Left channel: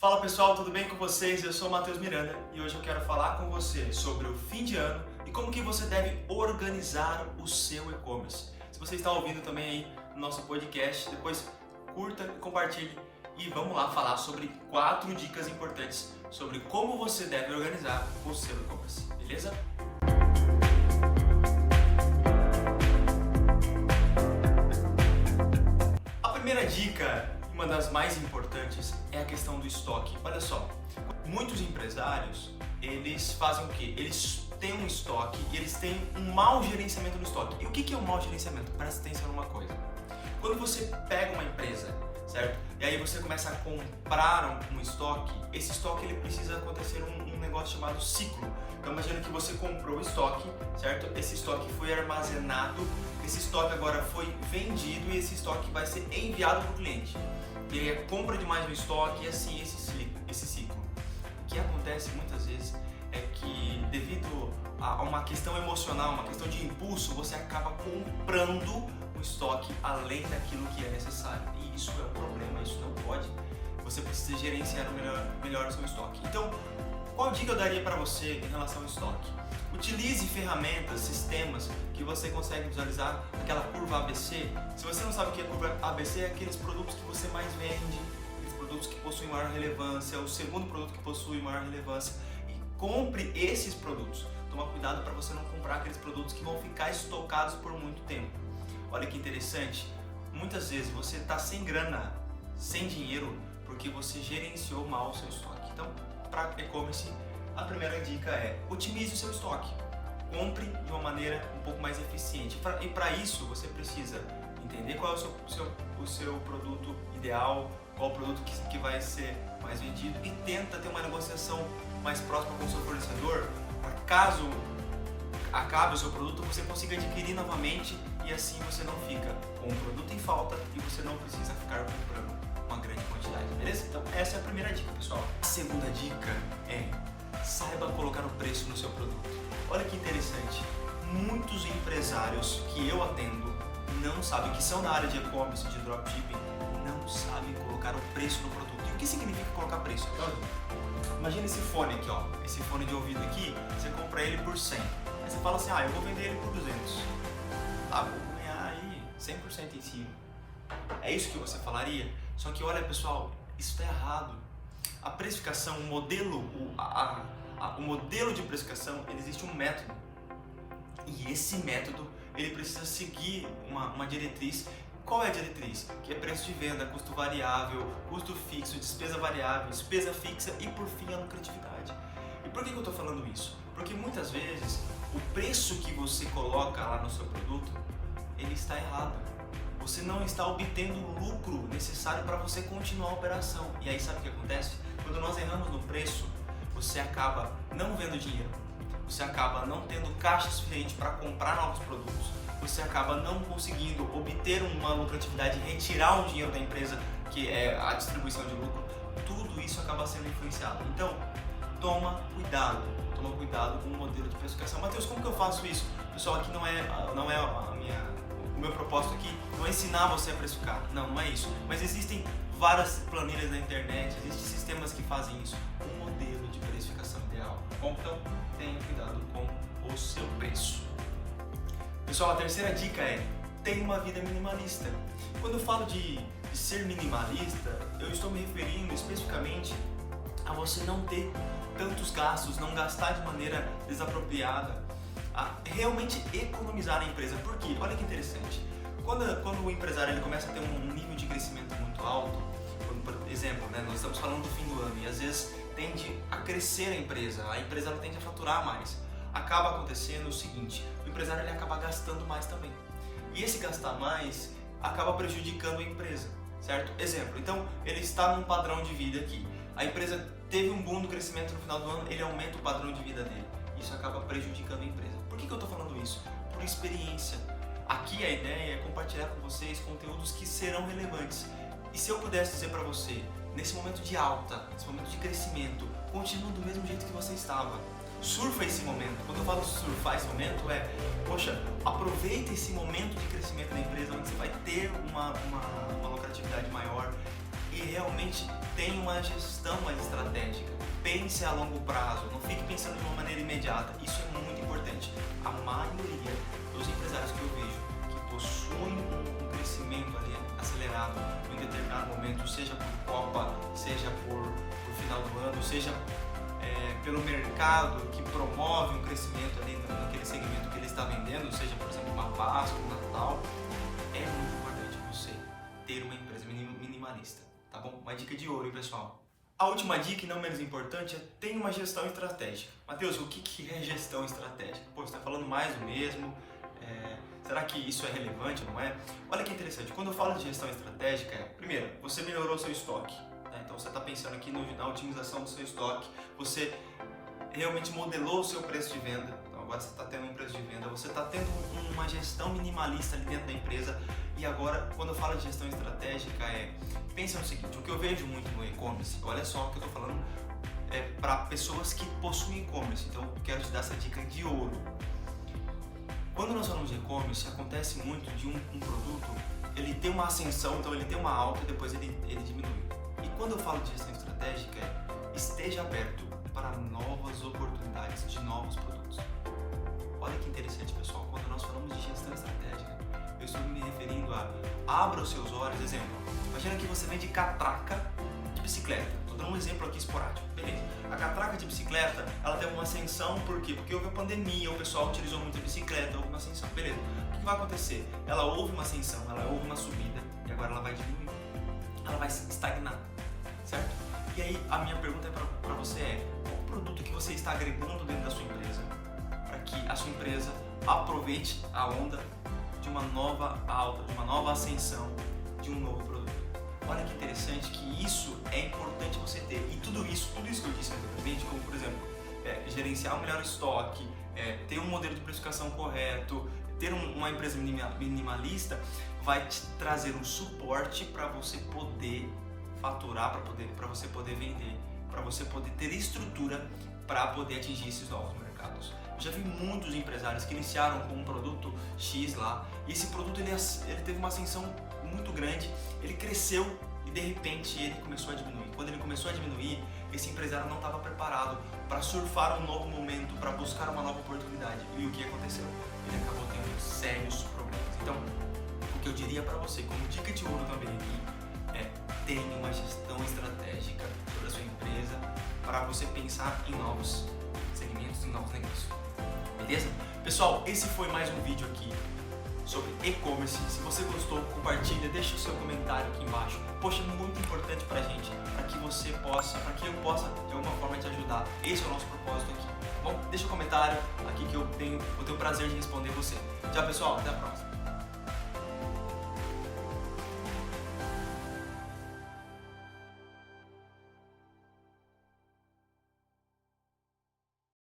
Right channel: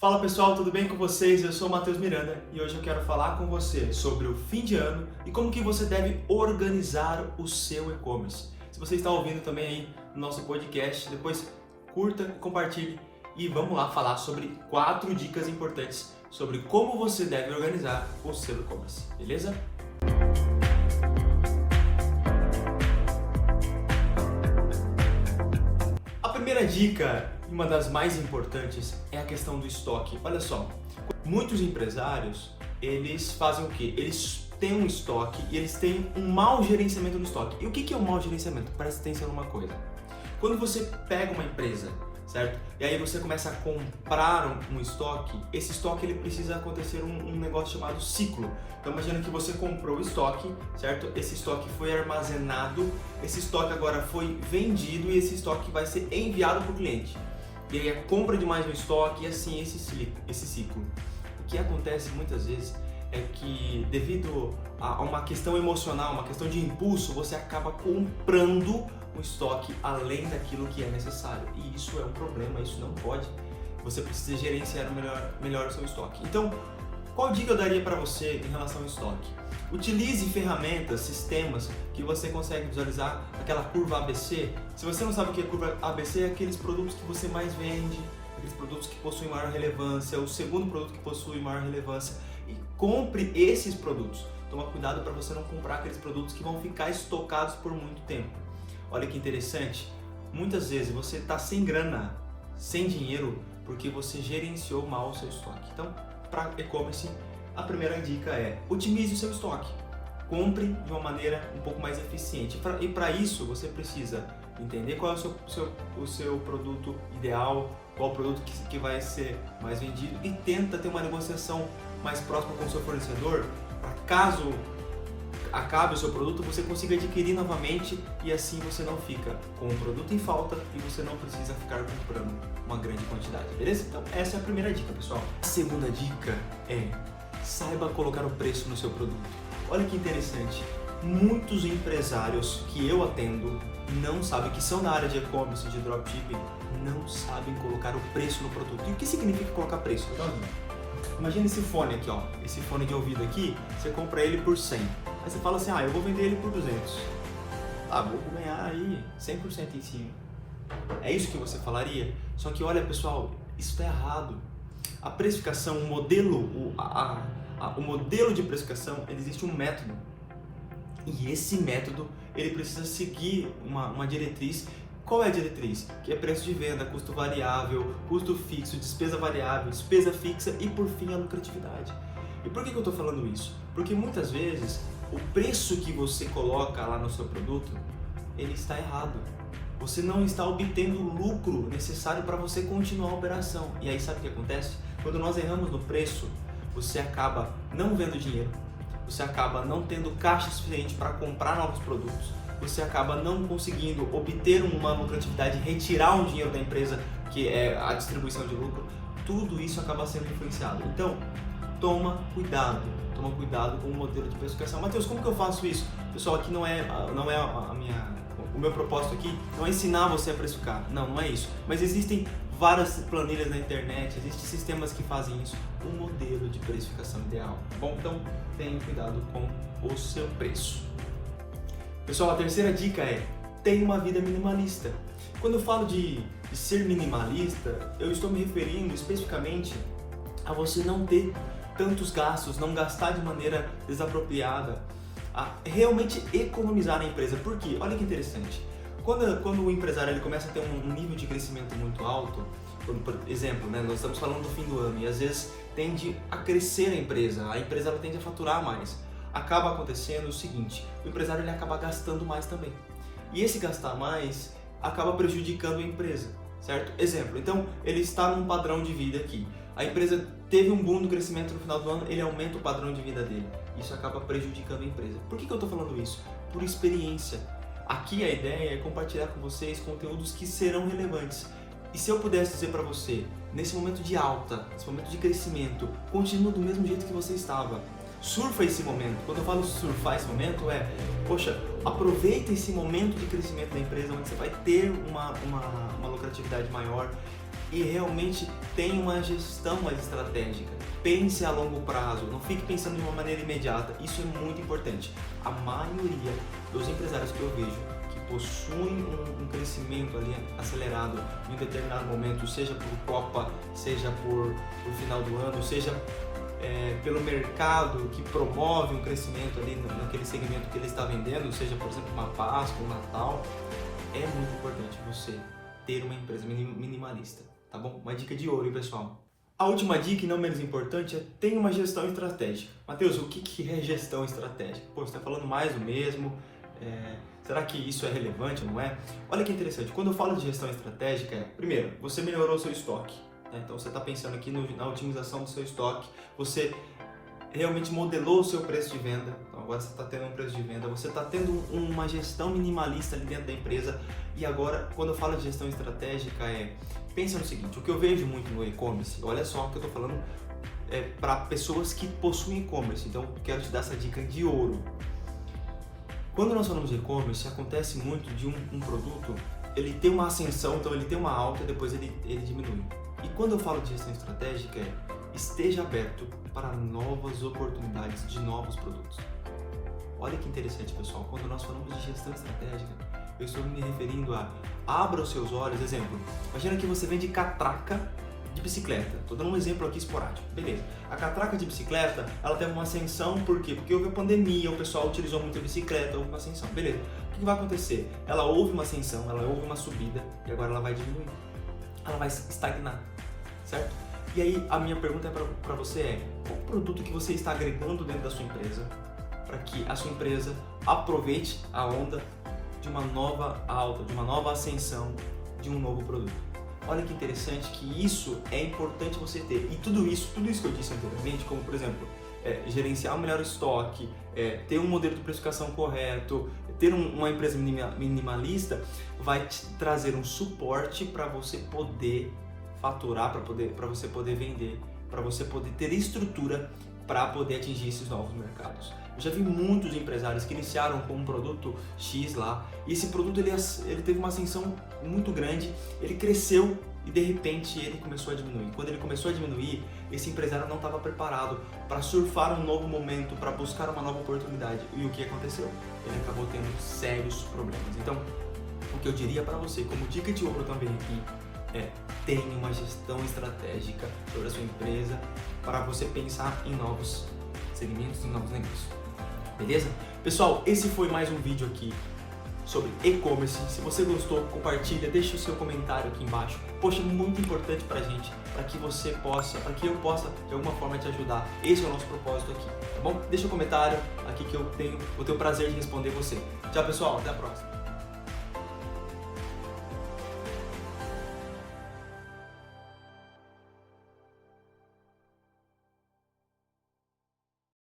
Fala pessoal, tudo bem com vocês? Eu sou o Matheus Miranda e hoje eu quero falar com você sobre o fim de ano e como que você deve organizar o seu e-commerce. Se você está ouvindo também aí no nosso podcast, depois curta, compartilhe e vamos lá falar sobre 4 dicas importantes sobre como você deve organizar o seu e-commerce, beleza? A primeira dica, uma das mais importantes, é a questão do estoque. Olha só, muitos empresários, eles fazem o quê? Eles têm um estoque e eles têm um mau gerenciamento do estoque. E o que é o mau gerenciamento? Presta atenção numa coisa. Quando você pega uma empresa, certo? E aí você começa a comprar um estoque, esse estoque ele precisa acontecer um negócio chamado ciclo. Então imagina que você comprou o estoque, certo? Esse estoque foi armazenado, esse estoque agora foi vendido e esse estoque vai ser enviado para o cliente. E aí a compra de mais um estoque e assim esse ciclo. O que acontece muitas vezes é que devido a uma questão emocional, uma questão de impulso, você acaba comprando um estoque além daquilo que é necessário. E isso é um problema, isso não pode. Você precisa gerenciar melhor o seu estoque. Então, qual dica eu daria para você em relação ao estoque? Utilize ferramentas, sistemas que você consegue visualizar aquela curva ABC. Se você não sabe o que é curva ABC, é aqueles produtos que você mais vende, aqueles produtos que possuem maior relevância, o segundo produto que possui maior relevância. E compre esses produtos. Toma cuidado para você não comprar aqueles produtos que vão ficar estocados por muito tempo. Olha que interessante, muitas vezes você está sem grana, sem dinheiro, porque você gerenciou mal o seu estoque. Então, para e-commerce, a primeira dica é otimize o seu estoque. Compre de uma maneira um pouco mais eficiente. E para isso, você precisa entender qual é o seu produto ideal, qual o produto que vai ser mais vendido e tenta ter uma negociação mais próxima com o seu fornecedor, para caso acabe o seu produto, você consiga adquirir novamente e assim você não fica com um produto em falta e você não precisa ficar comprando uma grande quantidade, beleza? Então essa é a primeira dica, pessoal. A segunda dica é saiba colocar o preço no seu produto. Olha que interessante, muitos empresários que eu atendo não sabem, que são na área de e-commerce, de dropshipping, não sabem colocar o preço no produto. E o que significa colocar preço? Imagina esse fone aqui, ó, esse fone de ouvido aqui, você compra ele por 100. Aí você fala assim, eu vou vender ele por 200. Tá, vou ganhar aí 100% em cima. É isso que você falaria? Só que olha pessoal, isso está errado. A precificação, o modelo de precificação, existe um método. E esse método, ele precisa seguir uma diretriz. Qual é a diretriz? Que é preço de venda, custo variável, custo fixo, despesa variável, despesa fixa e por fim a lucratividade. E por que eu estou falando isso? Porque muitas vezes o preço que você coloca lá no seu produto, ele está errado. Você não está obtendo o lucro necessário para você continuar a operação. E aí sabe o que acontece? Quando nós erramos no preço, você acaba não vendo dinheiro, você acaba não tendo caixa suficiente para comprar novos produtos, você acaba não conseguindo obter uma lucratividade, retirar um dinheiro da empresa, que é a distribuição de lucro. Tudo isso acaba sendo influenciado. Então, toma cuidado com o modelo de precificação. Matheus, como que eu faço isso? Pessoal, aqui não é o meu propósito aqui não é ensinar você a precificar, não é isso. Mas existem várias planilhas na internet, existem sistemas que fazem isso, o modelo de precificação ideal. Bom, então tenha cuidado com o seu preço. Pessoal, a terceira dica é tenha uma vida minimalista. Quando eu falo de ser minimalista, eu estou me referindo especificamente a você não ter tantos gastos, não gastar de maneira desapropriada, a realmente economizar na empresa. Por quê? Olha que interessante. Quando o empresário ele começa a ter um nível de crescimento muito alto, por exemplo, nós estamos falando do fim do ano e às vezes tende a crescer a empresa ela tende a faturar mais. Acaba acontecendo o seguinte, o empresário ele acaba gastando mais também. E esse gastar mais acaba prejudicando a empresa, certo? Exemplo, então ele está num padrão de vida aqui. A empresa teve um boom do crescimento no final do ano, ele aumenta o padrão de vida dele. Isso acaba prejudicando a empresa. Por que eu estou falando isso? Por experiência. Aqui a ideia é compartilhar com vocês conteúdos que serão relevantes. E se eu pudesse dizer para você, nesse momento de alta, nesse momento de crescimento, continua do mesmo jeito que você estava. Surfa esse momento. Quando eu falo surfar esse momento aproveita esse momento de crescimento da empresa onde você vai ter uma lucratividade maior. e realmente tenha uma gestão mais estratégica. Pense a longo prazo, não fique pensando de uma maneira imediata. Isso é muito importante. A maioria dos empresários que eu vejo que possuem um crescimento ali acelerado em um determinado momento, seja por Copa, seja por final do ano, seja pelo mercado que promove um crescimento ali naquele segmento que ele está vendendo, seja por exemplo uma Páscoa, um Natal, é muito importante você ter uma empresa minimalista, tá bom? Uma dica de ouro, hein, pessoal? A última dica, e não menos importante, é tenha uma gestão estratégica. Mateus, o que é gestão estratégica? Pô, você está falando mais do mesmo, será que isso é relevante, não é? Olha que interessante, quando eu falo de gestão estratégica, primeiro, você melhorou seu estoque. Então você está pensando aqui na otimização do seu estoque, você realmente modelou o seu preço de venda, então agora você está tendo um preço de venda, você está tendo uma gestão minimalista ali dentro da empresa. E agora, quando eu falo de gestão estratégica, pensa no seguinte, o que eu vejo muito no e-commerce, olha só o que eu estou falando para pessoas que possuem e-commerce, então quero te dar essa dica de ouro. Quando nós falamos de e-commerce, acontece muito de um produto, ele tem uma ascensão, então ele tem uma alta e depois ele diminui. E quando eu falo de gestão estratégica, esteja aberto para novas oportunidades de novos produtos. Olha que interessante, pessoal, quando nós falamos de gestão estratégica, eu estou me referindo a abra os seus olhos. Exemplo, imagina que você vende catraca de bicicleta. Estou dando um exemplo aqui esporádico, beleza. A catraca de bicicleta, ela tem uma ascensão, por quê? Porque houve a pandemia, o pessoal utilizou muito a bicicleta, houve uma ascensão, beleza. O que vai acontecer? Ela houve uma ascensão, ela houve uma subida e agora ela vai diminuir. Ela vai estagnar, certo? E aí a minha pergunta para você qual o produto que você está agregando dentro da sua empresa para que a sua empresa aproveite a onda de uma nova alta, de uma nova ascensão, de um novo produto. Olha que interessante que isso é importante você ter. E tudo isso que eu disse anteriormente, como por exemplo, gerenciar o melhor estoque, ter um modelo de precificação correto, ter uma empresa minimalista, vai te trazer um suporte para você poder faturar, para você poder vender, para você poder ter estrutura para poder atingir esses novos mercados. Eu já vi muitos empresários que iniciaram com um produto X lá, e esse produto ele teve uma ascensão muito grande, ele cresceu e de repente ele começou a diminuir. Quando ele começou a diminuir, esse empresário não estava preparado para surfar um novo momento, para buscar uma nova oportunidade. E o que aconteceu? Ele acabou tendo sérios problemas. Então, o que eu diria para você, como dica de ouro também aqui, tenha uma gestão estratégica sobre a sua empresa para você pensar em novos segmentos, em novos negócios. Beleza? Pessoal, esse foi mais um vídeo aqui sobre e-commerce. Se você gostou, compartilha, deixa o seu comentário aqui embaixo. Poxa, é muito importante pra gente, para que eu possa de alguma forma te ajudar. Esse é o nosso propósito aqui, tá bom? Deixa um comentário aqui que eu vou ter o prazer de responder você. Tchau, pessoal, até a próxima.